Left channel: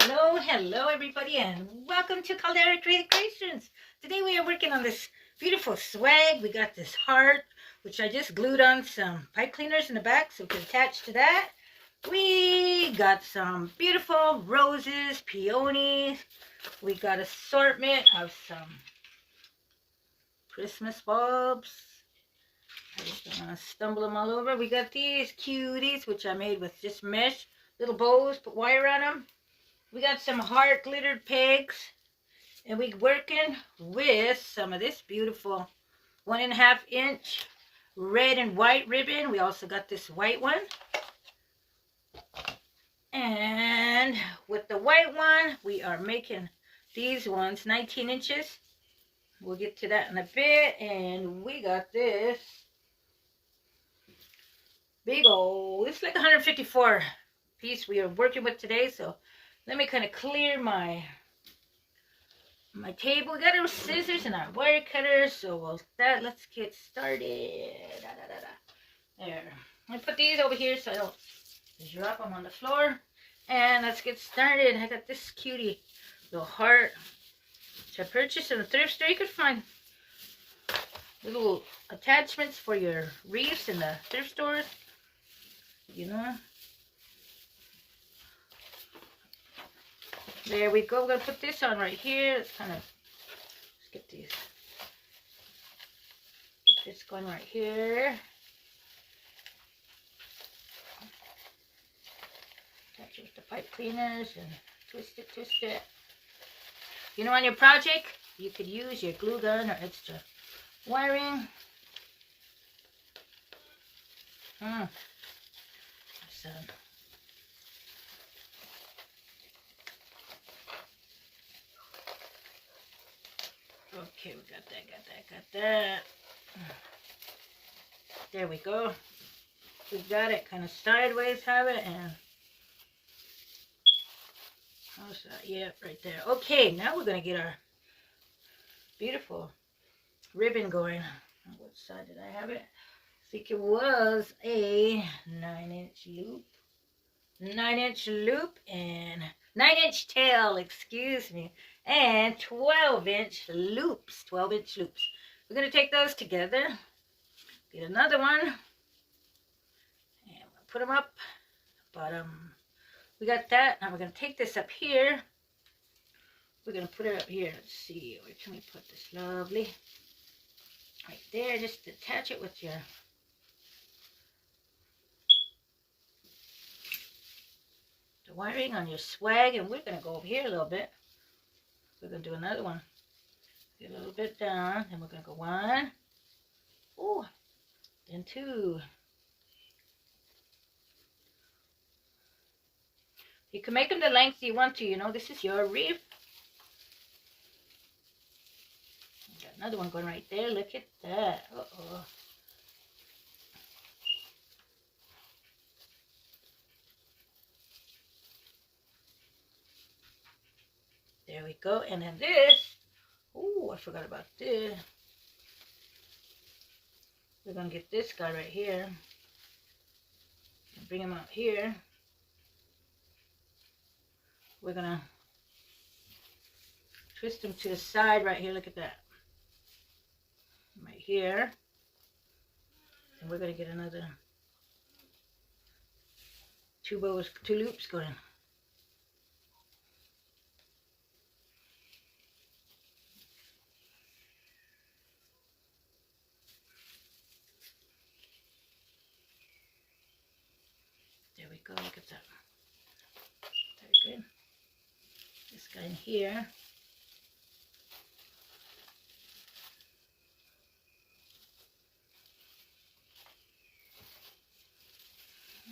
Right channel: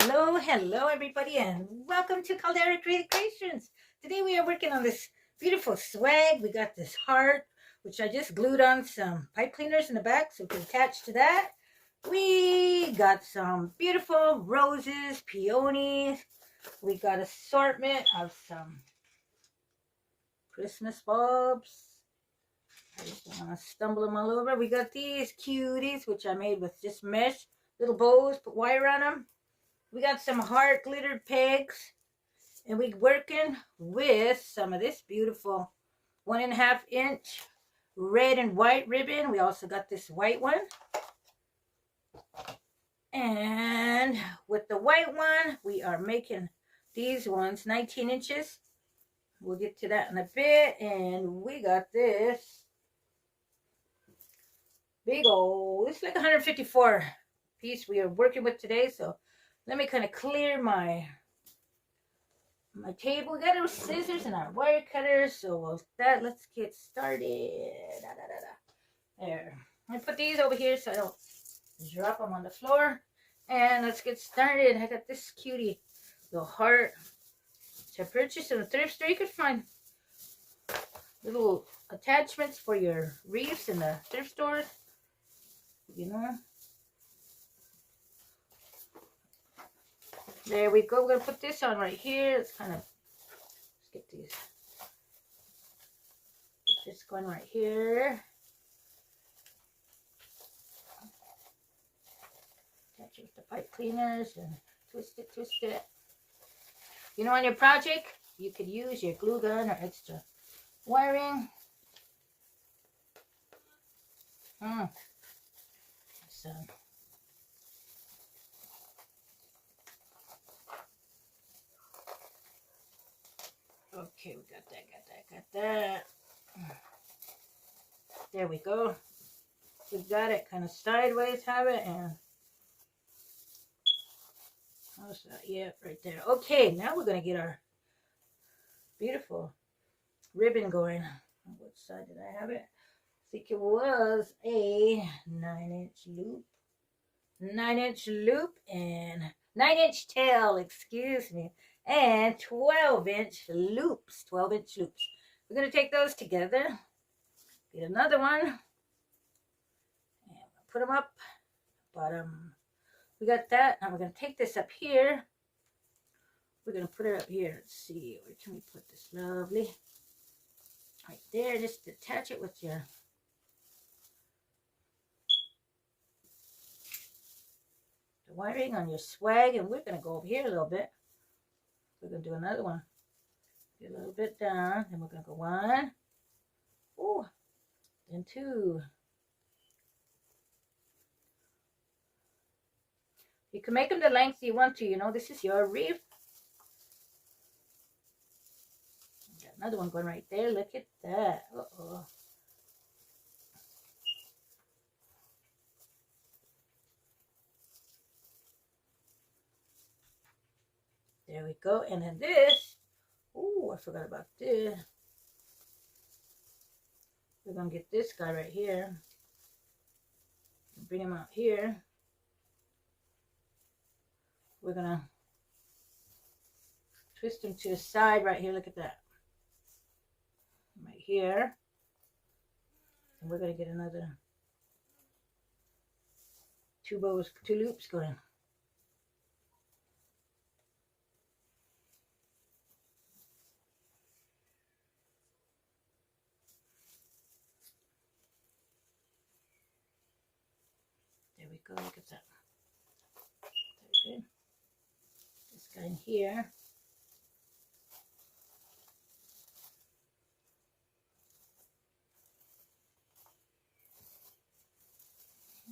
Hello everybody, and welcome to Caldera Creative Creations. Today we are working on this beautiful swag. We got this heart, which I just glued on some pipe cleaners in the back so we can attach to that. We got some beautiful roses, peonies. We got assortment of some Christmas bulbs. I just don't want to stumble them all over. We got these cuties, which I made with just mesh, little bows, put wire on them. We got some heart glittered pegs, and we're working with some of this beautiful 1.5 inch red and white ribbon. We also got this white one. And with the white one, we are making these ones 19 inches. We'll get to that in a bit. And we got this big old, it's like 154 piece we are working with today. So let me kind of clear my table. We got our scissors and our wire cutters, so let's get started. There, I put these over here so I don't drop them on the floor, and let's get started. I got this cutie little heart which I purchased in the thrift store. You could find little attachments for your wreaths in the thrift stores, you know. There we go. We're going to put this on right here. Let's kind of, let's get these. Get this going right here. Attach it with the pipe cleaners and twist it, twist it. You know, on your project, you could use your glue gun or extra wiring. So, okay, we got that. There we go. We got it kind of sideways, have it, and how's that? Yeah, right there. Okay, now we're going to get our beautiful ribbon going. On what side did I have it? I think it was a 9-inch loop. 9-inch loop and 9-inch tail, excuse me, and 12-inch loops. 12-inch loops. We're going to take those together, get another one, and we'll put them up bottom. We got that. Now we're going to take this up here. We're going to put it up here. Let's see, where can we put this? Lovely. Right there. Just attach it with your the wiring on your swag, and we're going to go over here a little bit. We're going to do another one. Get a little bit down, and we're going to go 1, ooh, then 2. You can make them the length you want to, you know, this is your wreath. Got another one going right there. Look at that. Uh-oh. There we go. And then this, oh, I forgot about this. We're going to get this guy right here. Bring him out here. We're going to twist him to the side right here. Look at that. Right here. And we're going to get another 2 bows, 2 loops going. There we go. Look at that. Very good. This guy in here.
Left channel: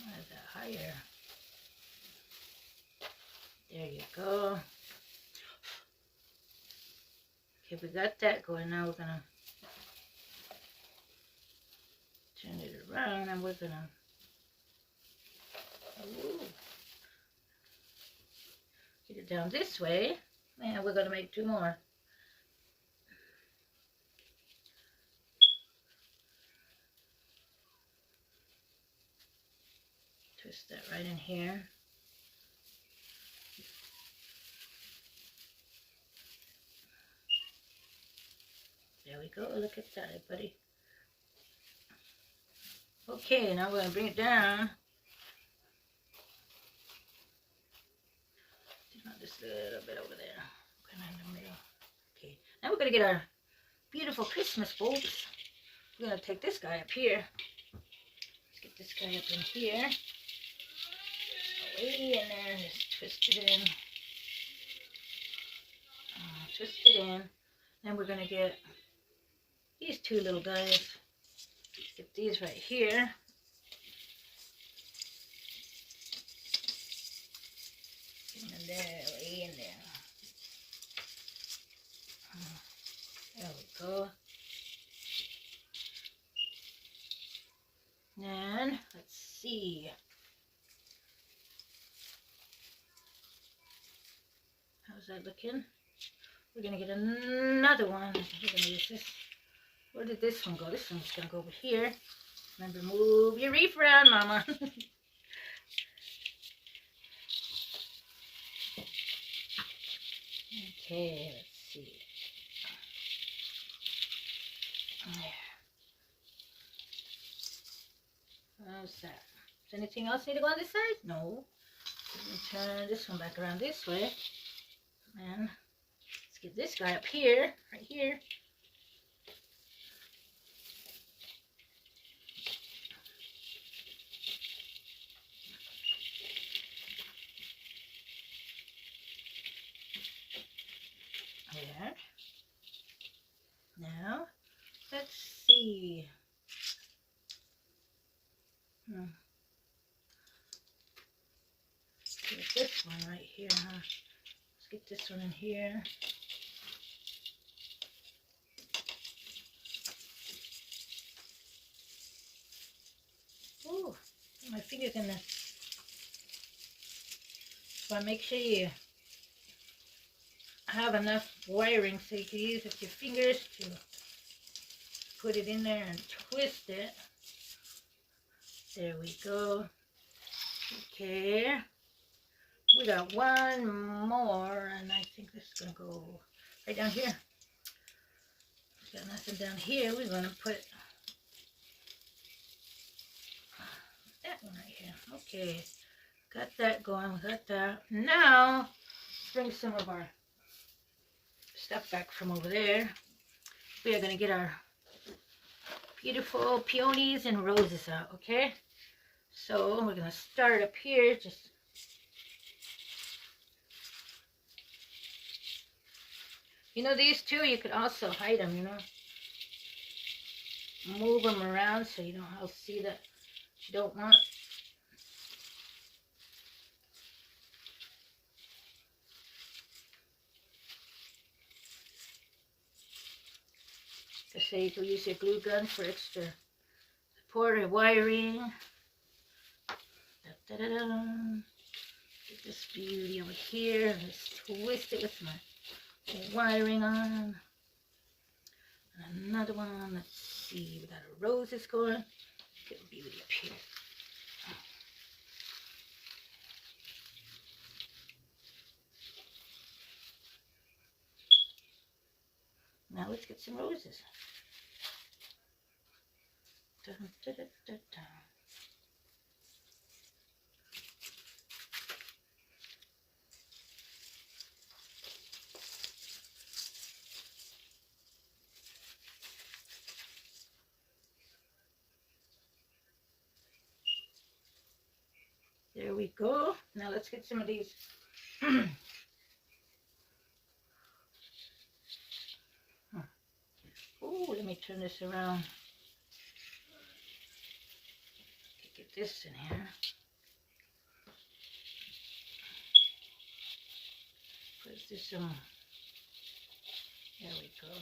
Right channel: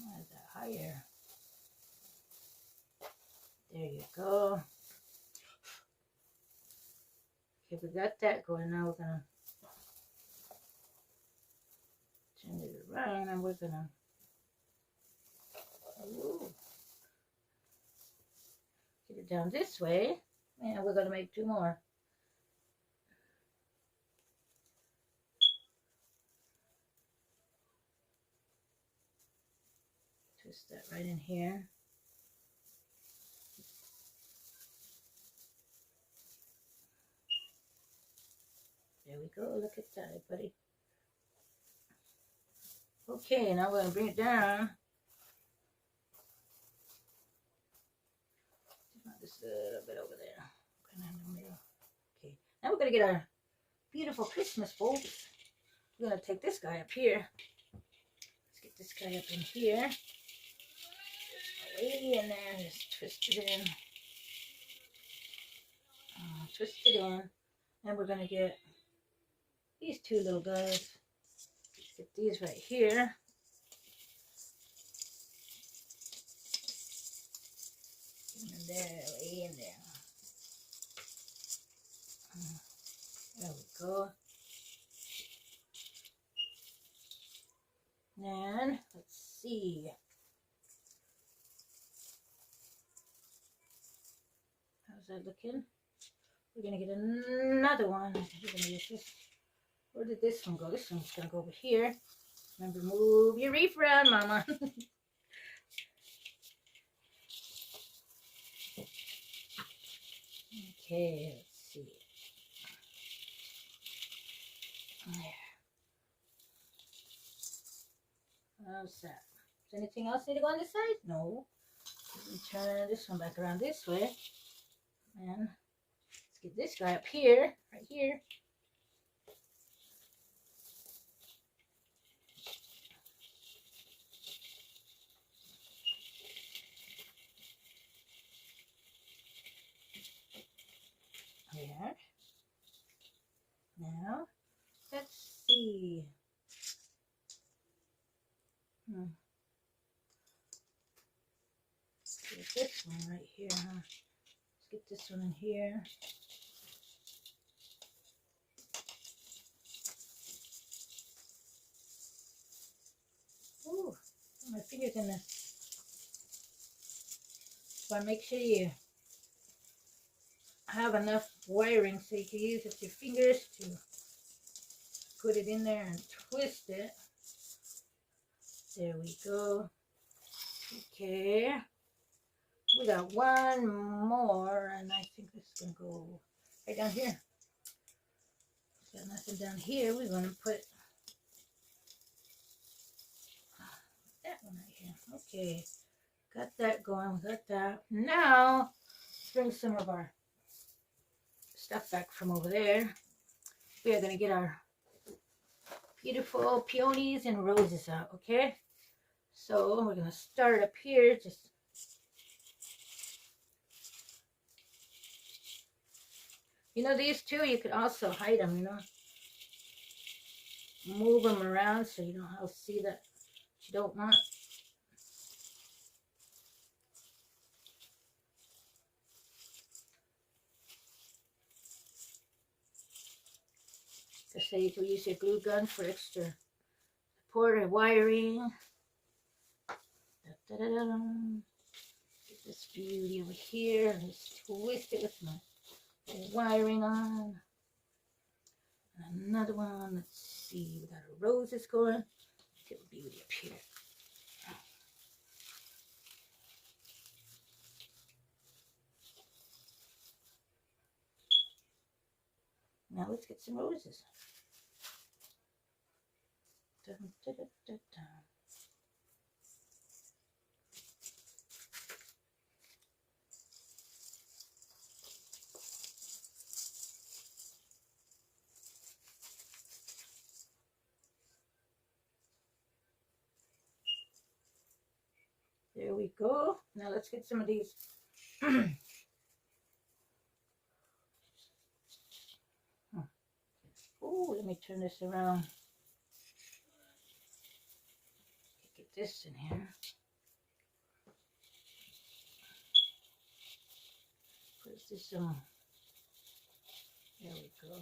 Why is that higher? There you go. Okay, we got that going. Now we're going to turn it around, and we're going to get it down this way, and we're going to make 2 more. Twist that right in here. we go. Look at that, buddy. Okay, now we're going to bring it down. Just a little bit over there. Kind of in the middle. Okay, now we're going to get our beautiful Christmas bulbs. We're going to take this guy up here. Let's get this guy up in here. Way in there. Just twist it in. Twist it in. Then we're going to get these two little guys. Get these right here. Get them in there, way in there. There we go. And let's see. How's that looking? We're going to get another one. We're going to use this. Where did this one go? This one's going to go over here. Remember, move your reef around, Mama. Okay, let's see. How's that? Does anything else need to go on this side? No. Turn this one back around this way. And let's get this guy up here, right here. There. Now, let's see. Get this one right here, huh? Let's get this one in here. Ooh, my fingers in this. So make sure you have enough wiring so you can use with your fingers to put it in there and twist it. There we go. Okay. We got one more, and I think this is going to go right down here. Got nothing down here. We're going to put that one right here. Okay. Got that going. Got that. Now, let's bring some of our stuff back from over there. We are going to get our beautiful peonies and roses out, okay? So we're going to start up here. Just you know, these two, you could also hide them, you know. Move them around so you don't see that you don't want. So you can use your glue gun for extra support or wiring. Da, da, da, da. Get this beauty over here. Let's twist it with my wiring on. And another one. Let's see. We got our roses going. Get a beauty up here. Now let's get some roses. Dun, dun, dun, dun, dun. There we go. Now let's get some of these. Oh, let me turn this around. Get this in here. Put this on. There we go.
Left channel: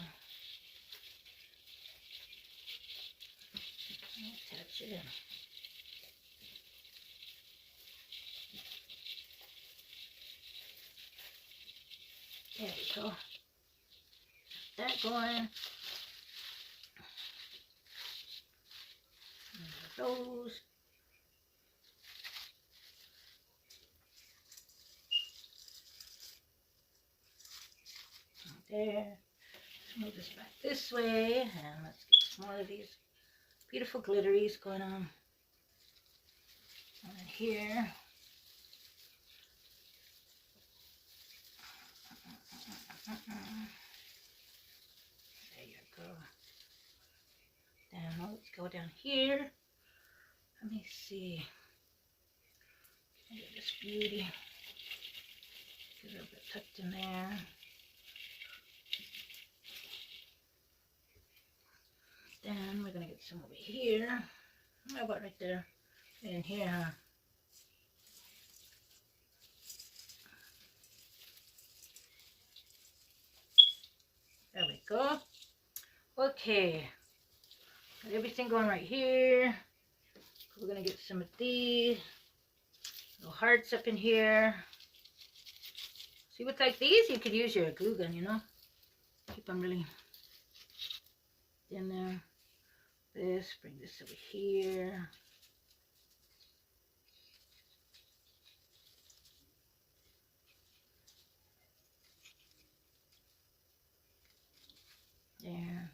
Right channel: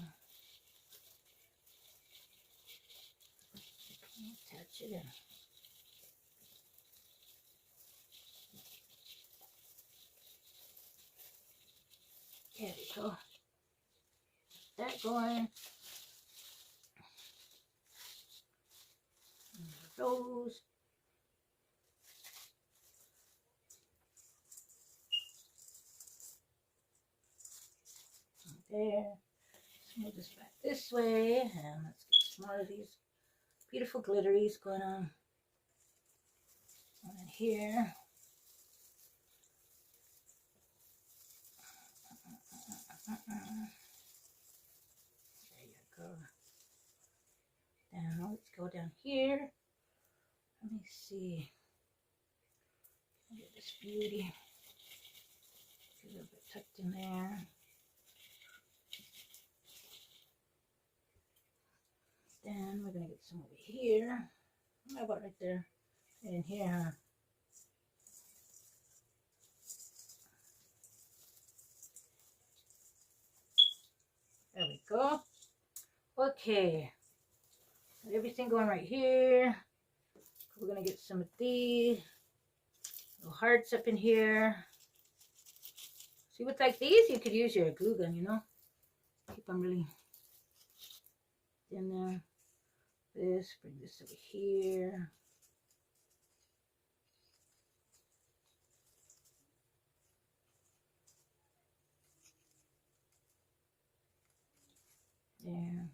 Attach it in. There we go. Get that going. Those. There. Move this back this way, and let's get some more of these beautiful glitteries going on here. There you go. Down, let's go down here. Let me see. Get this beauty. Get a little bit tucked in there. Then we're gonna get some over here. How about right there? In here, huh? There we go. Okay. Got everything going right here. We're gonna get some of these little hearts up in here. See, with like these, you could use your glue gun, you know. Keep them really in there. This, bring this over here. There.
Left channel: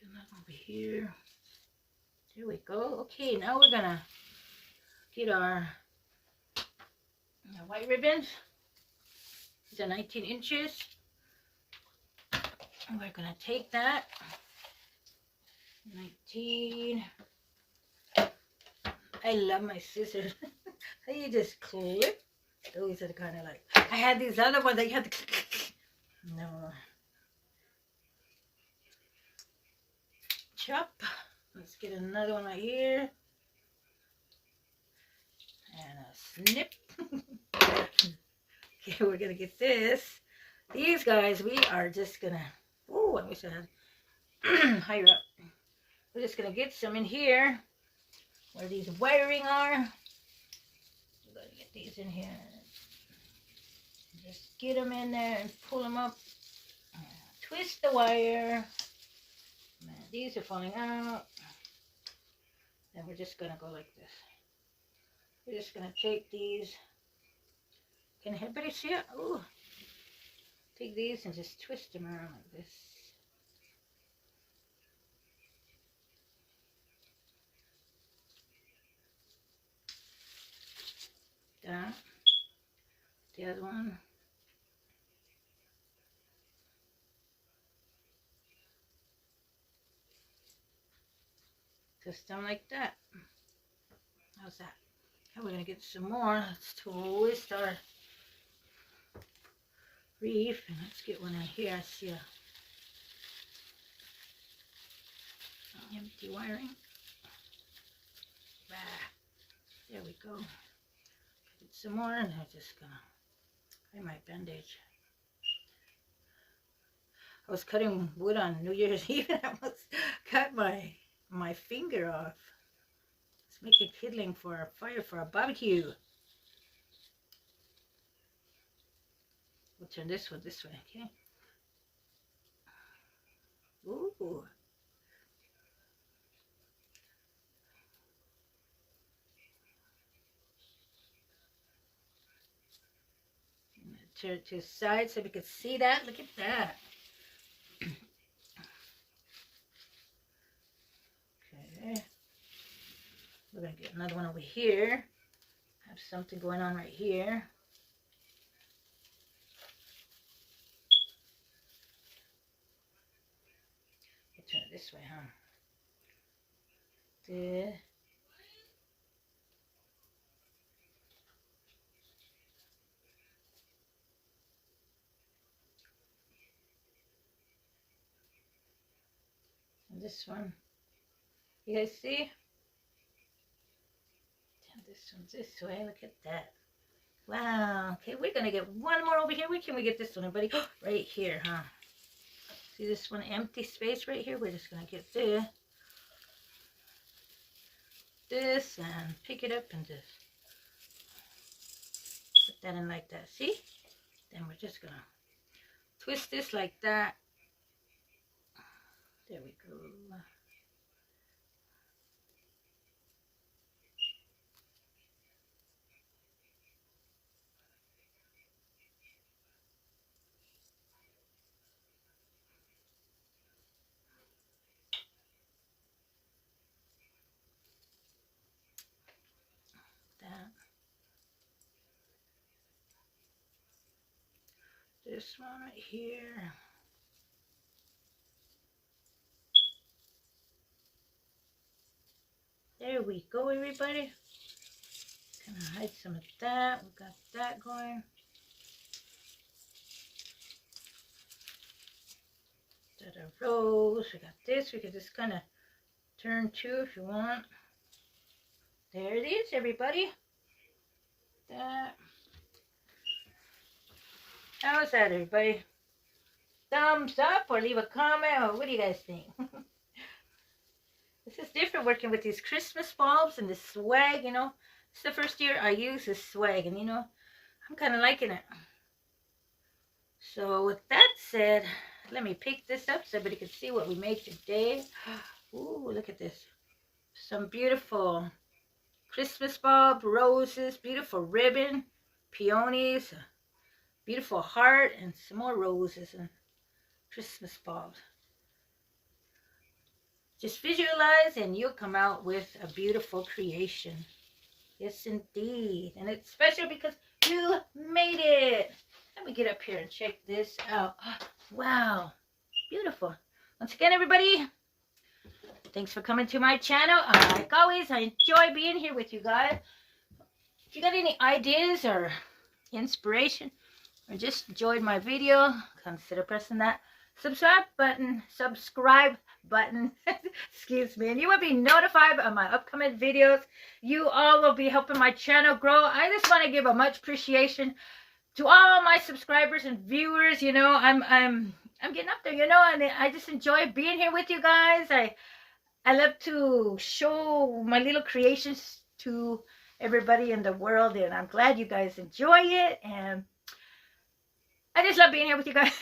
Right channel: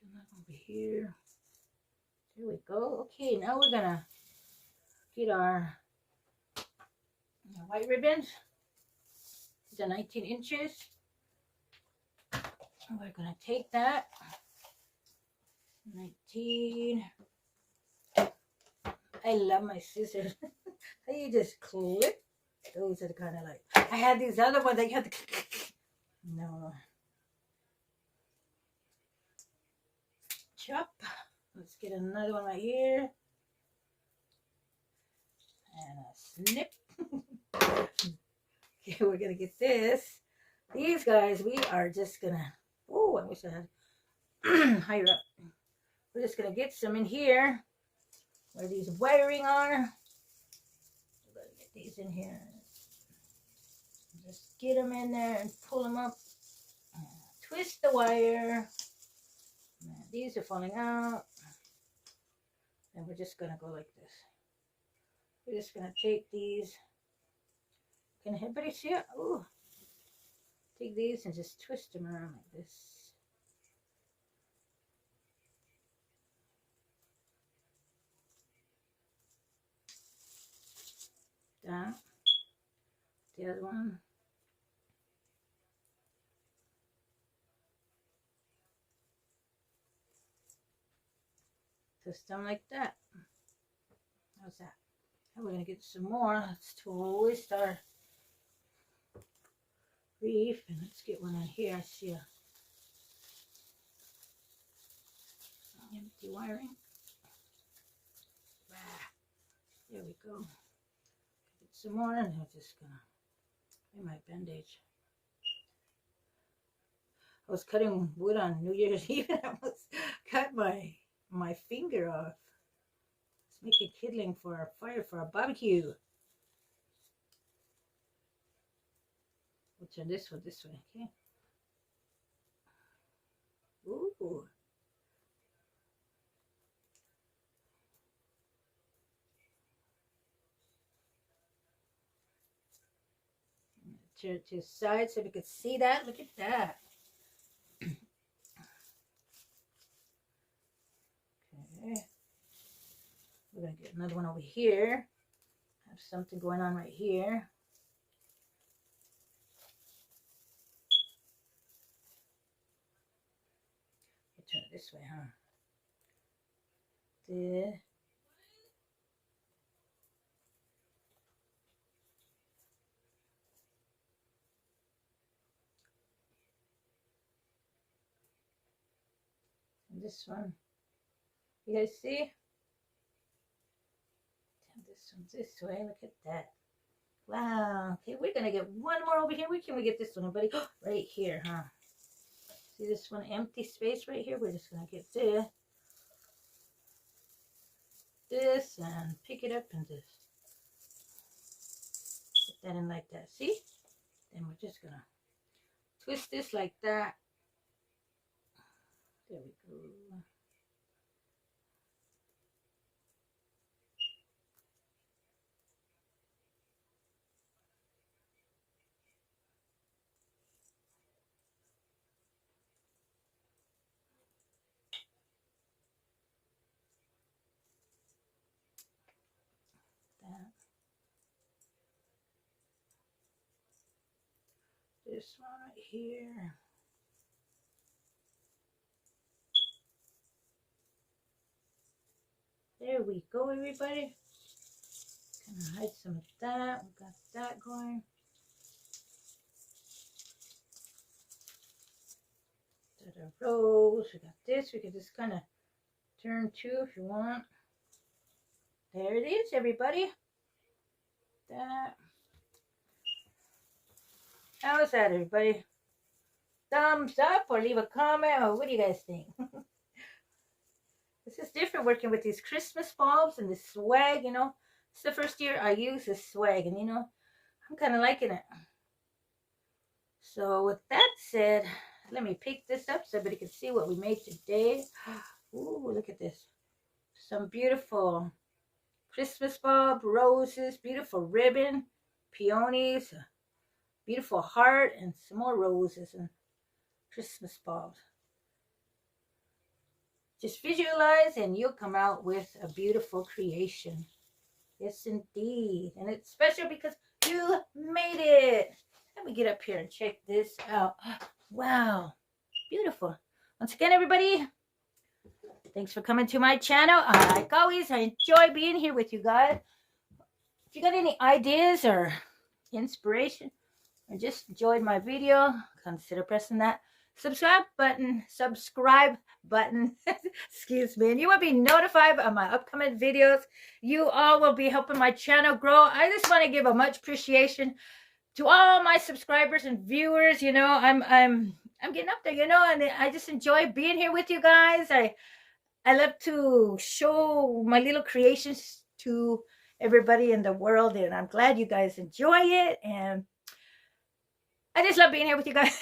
Get that over here. There we go. Okay, now we're gonna get our white ribbons. These are 19 inches. And we're gonna take that. 19. I love my scissors. How you just clip. Those are kind of like, I had these other ones that you had to no. Chop. Let's get another one right here. And a snip. Okay, we're gonna get this. These guys, we are just gonna, oh, I wish I had higher up. We're just gonna get some in here where these wiring are. We're gonna get these in here. Just get them in there and pull them up. Twist the wire. Man, these are falling out. And we're just gonna go like this. We're just gonna take these. Can anybody see it? Ooh. Take these and just twist them around like this. That. The other one. Twist them like that. How's that? Now we're gonna get some more. Let's twist our reef, and let's get one in here. I see a empty wiring. There we go. Get some more, and I'm just gonna find my bandage. I was cutting wood on New Year's Eve, and I almost cut my finger off. Let's make a kindling for our fire for our barbecue. We'll turn this one this way, okay? Ooh. Turn it to the side so we can see that. Look at that. Okay. We're going to get another one over here. Have something going on right here. We'll turn it this way, huh? There. And this one. You guys see? Turn this one this way. Look at that. Wow. Okay, we're going to get one more over here. Where can we get this one, everybody? Right here, huh? See this one empty space right here? We're just going to get this and pick it up and just put that in like that. See? Then we're just going to twist this like that. There we go. this one right here. There we go, everybody. Gonna hide some of that. We got that going. Got a rose. We got this. We can just kind of turn too if you want. There it is, everybody. That. How's that, everybody? Thumbs up or leave a comment, or what do you guys think? This is different working with these Christmas bulbs and this swag, you know. It's the first year I use this swag, and you know, I'm kind of liking it. So with that said, let me pick this up so everybody can see what we made today. Ooh, look at this. Some beautiful Christmas bulb, roses, beautiful ribbon, peonies, beautiful heart, and some more roses and Christmas bulbs. Just visualize and you'll come out with a beautiful creation. Yes, indeed. And it's special because you made it. Let me get up here and check this out. Wow. Beautiful. Once again, everybody, thanks for coming to my channel. Like always, I enjoy being here with you guys. If you got any ideas or inspiration or just enjoyed my video, consider pressing that subscribe button, excuse me, and you will be notified of my upcoming videos. You all will be helping my channel grow. I just want to give a much appreciation to all my subscribers and viewers. You know, I'm getting up there, you know, and I just enjoy being here with you guys. I love to show my little creations to everybody in the world, and I'm glad you guys enjoy it, and I just love being here with you guys.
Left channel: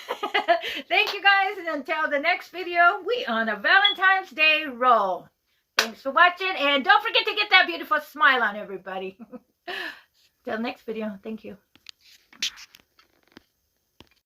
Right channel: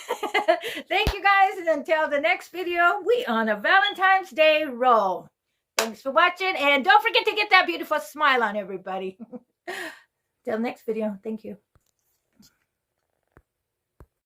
Thank you guys, and until the next video, we on a Valentine's Day roll. Thanks for watching, and don't forget to get that beautiful smile on, everybody. Till next video, thank you.